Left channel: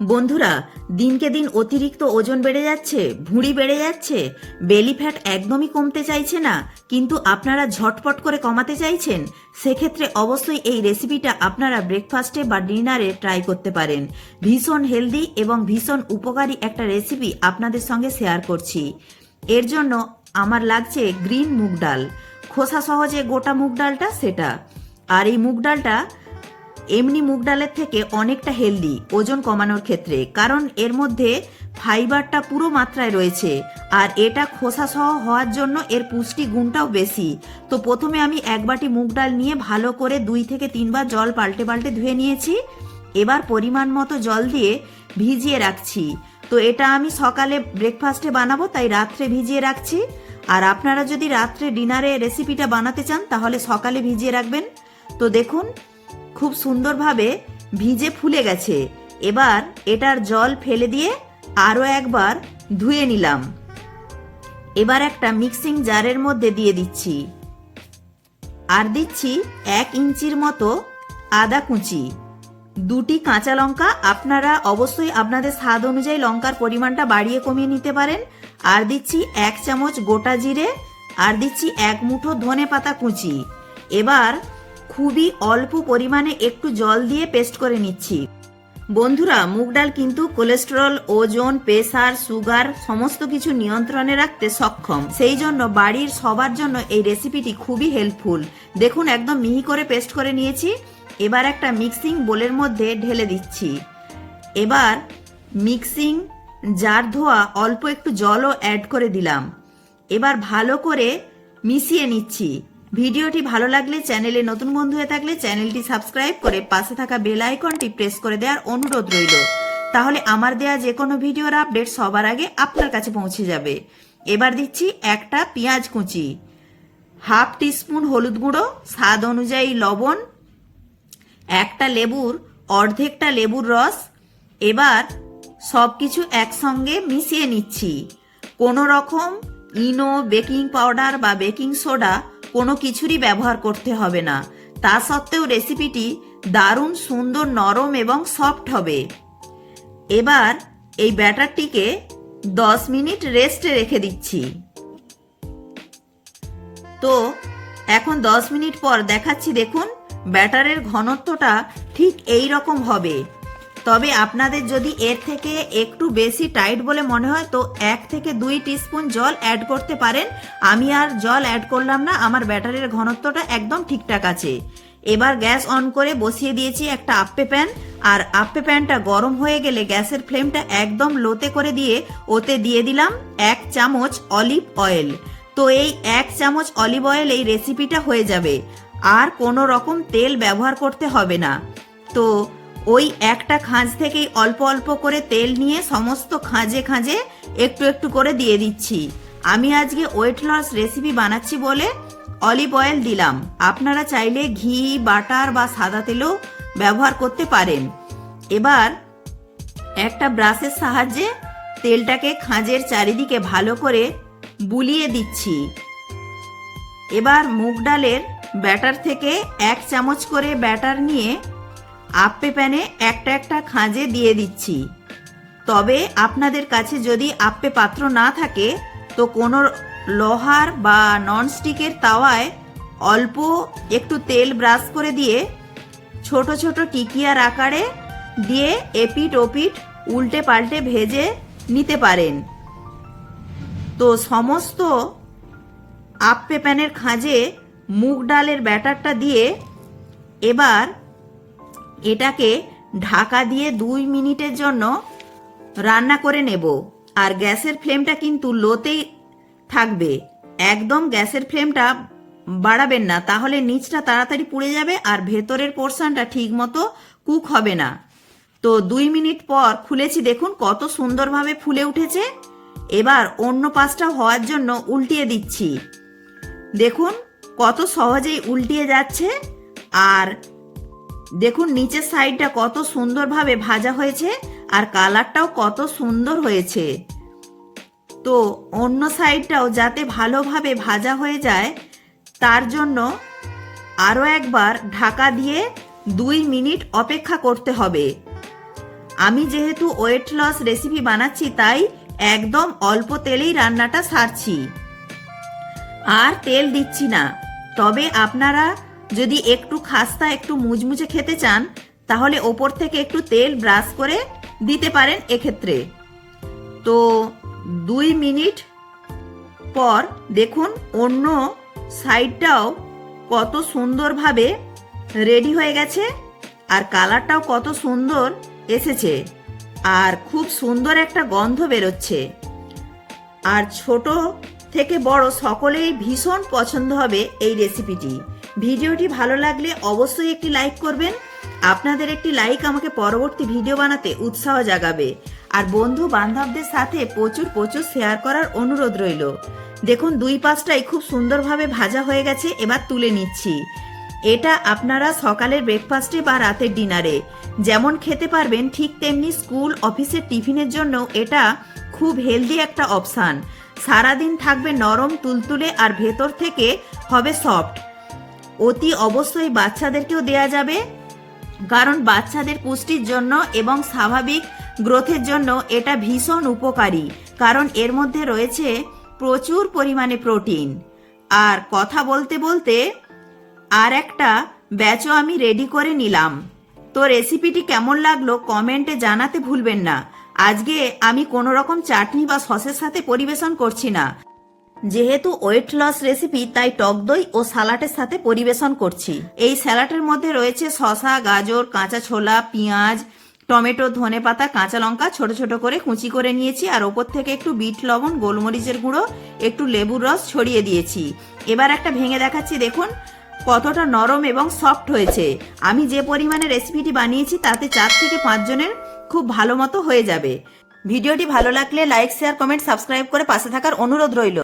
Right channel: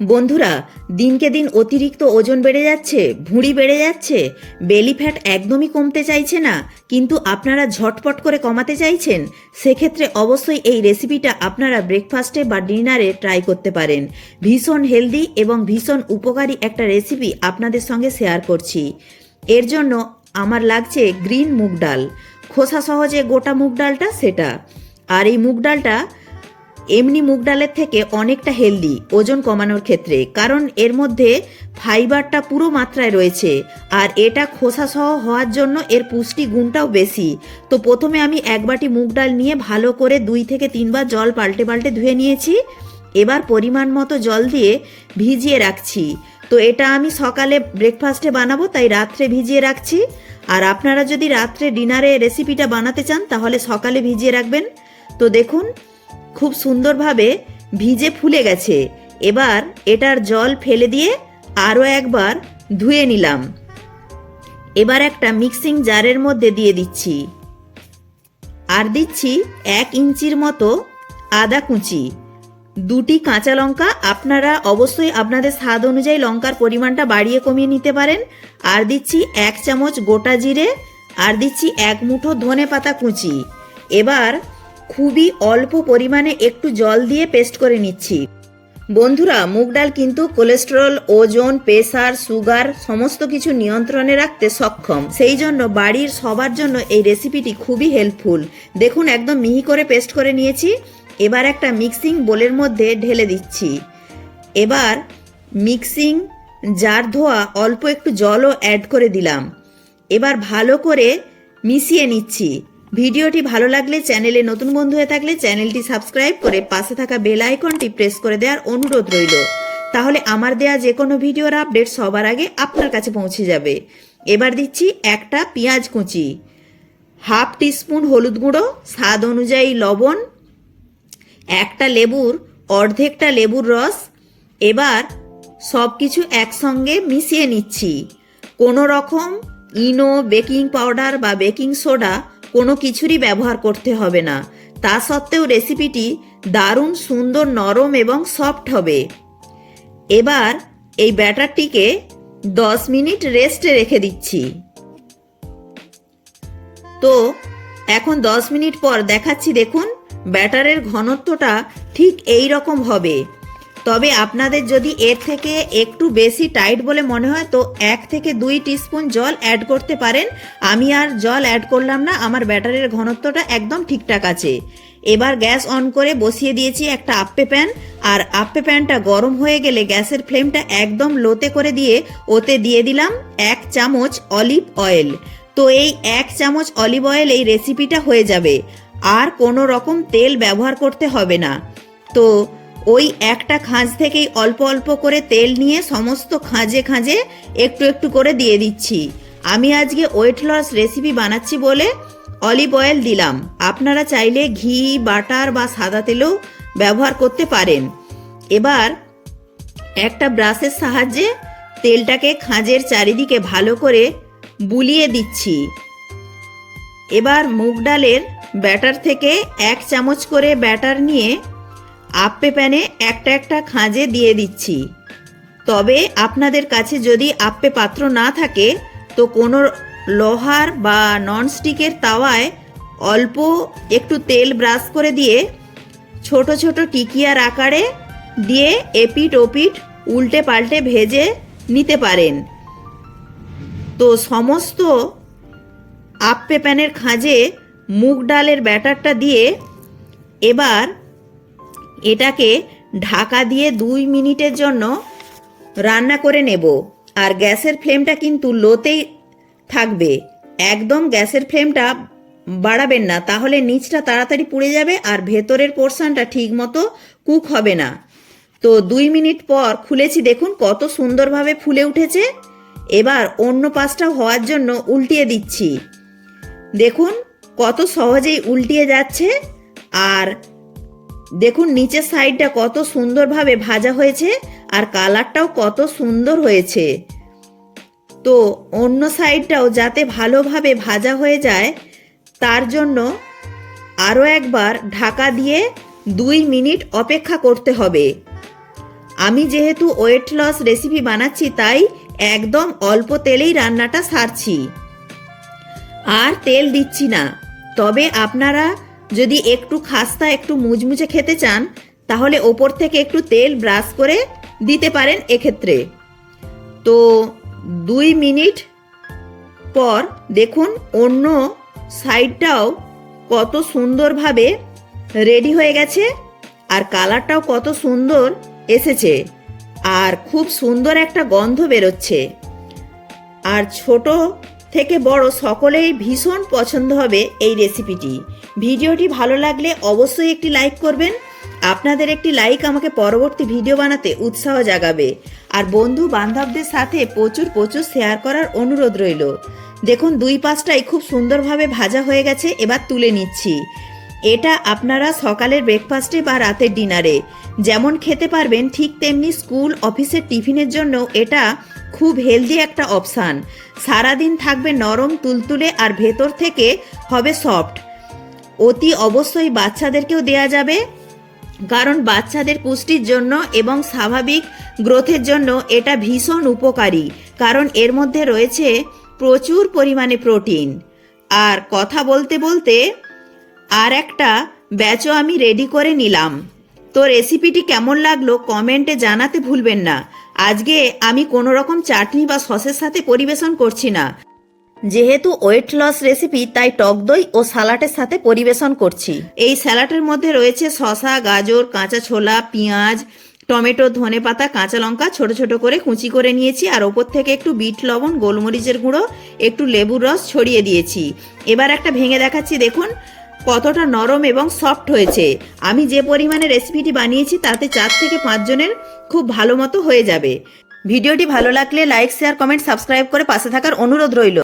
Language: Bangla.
বন্ধুরা, দিনকে দিন অতিরিক্ত ওজন বেড়ে যাচ্ছে, ভুঁড়ি বেড়ে যাচ্ছে, বেলি ফ্যাট একদমই কমতে চাইছে না, কিন্তু আপনারা ঝটপট করে কমাতে চাইছেন, সেক্ষেত্রে অবশ্যই এই রেসিপিটা আপনারা ব্রেকফাস্টে বা ডিনারে ট্রাই করতে পারেন। ভীষণ হেলদি এবং ভীষণ উপকারী একটা রেসিপি আপনাদের সঙ্গে শেয়ার করছি। এর জন্য আমার লাগছে গ্রিন মুগ ডাল। খোসা সহজে গোটা মুগ ডালটা সেটা। আর এই মুগ ডালটা এমনি মুগ ডালের থেকে অনেকটা হেলদি, ওজন কমানোর ক্ষেত্রে, কারণ এর মধ্যে ফাইবারটা পুরো মাত্রায় রয়েছে, আর এটা খোসা সহ হওয়ার জন্য এর পুষ্টি গুণটাও বেশি। তো প্রথমে আমি এক বাটি মুগ ডাল নিয়ে ভালো করে দুই থেকে তিনবার জল পাল্টে পাল্টে ধুয়ে নিয়েছি। এবার পরিমাণ মতো জল দিয়ে ভিজিয়ে রাখছি। তো এটা আমি সকালে ব্রেকফাস্টে বানাবো, তাই রাত্রে ভিজিয়ে রাখছি। আর আপনারা যদি রাত্রে ডিনারে রেসিপিটা বানাতে চান, তাহলে সকালে ভিজিয়ে রাখবেন। তো দেখুন খুব সুন্দরভাবে ভিজে ফুলে গেছে। এবার এটার জল ফেলে দিয়ে আরও একবার ধুয়ে নিলাম। এবার একটা মিক্সিং জারের মধ্যে দিয়ে দিচ্ছি। আর দিচ্ছি এক ইঞ্চির মতো আদা কুচি। দুটি কাঁচা লঙ্কা আপনারা অবশ্যই আপনাদের স্বাদ অনুযায়ী লঙ্কার পরিমাণটা বাড়িয়ে কমিয়ে নিতে পারেন। আর দিচ্ছি এক চামচ গোটা জিরে। আর দিচ্ছি এক মুঠো ধনে পাতা কুচি। এবার খুবই অল্প পরিমাণে একটু জল দিয়ে পেস্ট করে নিচ্ছি। বন্ধুরা, মুগ ডাল কিন্তু কোলেস্টেরল, ওজন, প্রেসার, সুগার, সমস্ত কিছু নিয়ন্ত্রণে রাখতে সক্ষম। সেই জন্য বাড়ির সবার জন্য এই রেসিপিটি খুবই হেল্পফুল। দেখুন, একদম মিহি করে পেস্ট করে নিয়েছি। এবার একটা মিক্সিং বোলের মধ্যে ঢেলে দিচ্ছি। এবার মিক্সিং জার ধোয়া অল্প একটু জলও অ্যাড করে দিলাম। এবার ভালো করে মিশিয়ে নিচ্ছি। ভিডিওটি ভালো লাগলে চ্যানেলে নতুন বন্ধু হয়ে থাকলে চ্যানেলটি সাবস্ক্রাইব করে পাশে থাকা বেল আইকনটি প্রেস করে দেওয়ার অনুরোধ রইল। তাহলে আমার দেয়া যে কোনো ভিডিওর আপডেট সবার আগে আপনার কাছে পৌঁছে যাবে। এবার দিচ্ছি একটা পেঁয়াজ কুচি। হাফ টিস্পুন হলুদ গুঁড়ো, স্বাদ অনুযায়ী লবণ, একটা লেবুর, অর্ধেকটা লেবুর রস। এবার সব কিছু একসঙ্গে মিশিয়ে নিচ্ছি। কোনো রকম ইনো, বেকিং পাউডার বা বেকিং সোডা কোনো কিছুরই ব্যবহার করতে হবে না। তা সত্ত্বেও রেসিপিটি দারুণ, সুন্দর, নরম এবং সফট হবে। এবার এই ব্যাটারটিকে দশ মিনিট রেস্টে রেখে দিচ্ছি। তো, এখন দশ মিনিট পর দেখাচ্ছি দেখুন, ব্যাটারের ঘনত্বটা ঠিক এই রকম হবে। তবে আপনাদের যদি এর থেকে একটু বেশি টাইট বলে মনে হয়, তো এক থেকে দুই টিস্পুন জল অ্যাড করতে পারেন। আমি আর জল অ্যাড করলাম না, আমার ব্যাটারের ঘনত্বটা একদম ঠিকঠাক আছে। এবার গ্যাস অন করে বসিয়ে দিয়েছি একটা আপ্পে প্যান, আর আপ্পে প্যানটা গরম হয়ে গেলে গ্যাসের ফ্লেমটা একদম লোতে করে দিয়ে ওতে দিয়ে দিলাম এক চামচ অলিভ অয়েল। তো এই এক চামচ অলিভ অয়েল এই রেসিপিটা হয়ে যাবে। আর কোনো রকম তেল ব্যবহার করতে হবে না। তো ওই একটা খাঁজ থেকেই অল্প অল্প করে তেল নিয়ে সমস্ত খাঁজে খাঁজে একটু একটু করে দিয়ে দিচ্ছি। আমি আজকে ওয়েট লস রেসিপি বানাচ্ছি বলে অলিভ অয়েল দিলাম। আপনারা চাইলে ঘি, বাটার বা সাদা তেলও ব্যবহার করতে পারেন। এবার একটা ব্রাশের সাহায্যে তেলটাকে খাঁজের চারিদিকে ভালো করে বুলিয়ে দিচ্ছি। এবার মুগ ডালের ব্যাটার থেকে এক চামচ করে ব্যাটার নিয়ে আপ্পে প্যানে একটা একটা খাঁজে দিয়ে দিচ্ছি। তবে আপনাদের কাছে যদি আপ্পে পাত্র না থাকে, তো কোনো লোহার বা ননস্টিকের তাওয়ায় অল্প একটু তেল ব্রাশ করে দিয়ে ছোট ছোট টিকিয়ার আকারে দিয়ে এপিট ওপিট উল্টে পাল্টে ভেজে নিতে পারেন। তো সমস্ত আপ্পে প্যানের খাঁজে মুগ ডালের ব্যাটারটা দিয়ে এবার এটাকে ঢাকা দিয়ে দুই মিনিটের জন্য রান্না করে নেব। আর গ্যাসের ফ্লেমটা কিন্তু লোতেই থাকবে। একদম গ্যাসের ফ্লেমটা বাড়াবেন না, তাহলে নিচটা তাড়াতাড়ি পুড়ে যাবে আর ভেতরের পোর্শনটা ঠিক মতো কুক হবে না। তো দুই মিনিট পর খুলেছি, দেখুন কত সুন্দরভাবে ফুলে উঠেছে। এবার অন্য পাশটা হওয়ার জন্য উল্টিয়ে দিচ্ছি। দেখুন কত সহজেই উল্টিয়ে যাচ্ছে। আর দেখুন, নিচের সাইডটা কত সুন্দরভাবে ভাজা হয়েছে আর কালারটাও কত সুন্দর হয়েছে। তো অন্য সাইডটাও যাতে ভালোভাবে ভাজা হয়ে যায়, তার জন্য আরও একবার ঢাকা দিয়ে দুই মিনিট অপেক্ষা করতে হবে। আমি যেহেতু ওয়েট লস রেসিপি বানাচ্ছি, তাই একদম অল্প তেলেই রান্নাটা সারছি। আর তেল দিচ্ছি না, তবে আপনারা যদি একটু খাস্তা, একটু মুচমুচে খেতে চান, তাহলে ওপর থেকে একটু তেল ব্রাশ করে দিতে পারেন এক্ষেত্রে। তো দুই মিনিট পর দেখুন অন্য সাইডটাও কত সুন্দরভাবে রেডি হয়ে গেছে আর কালারটাও কত সুন্দর এসেছে আর খুব সুন্দর একটা গন্ধ বেরোচ্ছে। আর ছোট থেকে বড় সকলেই ভীষণ পছন্দ হবে এই রেসিপিটি ভিডিওটি ভালো লাগলে অবশ্যই একটি লাইক করবেন। আপনাদের একটি লাইক আমাকে পরবর্তী ভিডিও বানাতে উৎসাহ জাগাবে। আর বন্ধু বান্ধবদের সাথে প্রচুর প্রচুর শেয়ার করার অনুরোধ রইল। দেখুন, দুই পাশটাই খুব সুন্দরভাবে ভাজা হয়ে গেছে, এবার তুলে নিচ্ছি। এটা আপনারা সকালের ব্রেকফাস্টে বা রাতের ডিনারে যেমন খেতে পারবেন ঠিক তেমনি স্কুল অফিসের টিফিনের জন্য এটা খুব হেলদি একটা অপশান সারাদিন থাকবে নরম, তুলতুলে আর ভেতর থেকে হবে সফট অতি অবশ্যই বাচ্চাদেরকেও দেয়া যাবে। কারণ বাচ্চাদের পুষ্টির জন্য এবং স্বাভাবিক গ্রোথের জন্য এটা ভীষণ উপকারী। কারণ এর মধ্যে রয়েছে প্রচুর পরিমাণে প্রোটিন। আর কথা বলতে বলতে আর একটা ব্যাচও আমি রেডি করে নিলাম। তো রেসিপিটি কেমন লাগল কমেন্টে জানাতে ভুলবেন না। আজকে আমি কোনো রকম চাটনি বা সসের সাথে পরিবেশন করছি না। যেহেতু ওয়েট লস রেসিপি, তাই টক দই ও সালাটের সাথে পরিবেশন করছি। এই স্যালাডের মধ্যে রয়েছে শসা, গাজর, কাঁচা ছোলা, পেঁয়াজ, টমেটো ধনে পাতা কাঁচা লঙ্কা, ছোট ছোট করে কুচি করে নিয়েছি। আর ওপর থেকে একটু বিট লবণ, গোলমরিচের গুঁড়ো, একটু লেবুর রস ছড়িয়ে দিয়েছি। এবার একটা ভেঙে দেখাচ্ছি, দেখুন, কতটা নরম এবং সফট হয়েছে। আমি যে পরিমাণে রেসিপিটি বানিয়েছি, তাতে চার থেকে পাঁচজনের খুব ভালো মতো হয়ে যাবে। ভিডিওটি ভালো লাগলে লাইক, শেয়ার, কমেন্ট, সাবস্ক্রাইব করে পাশে থাকার অনুরোধ রইল।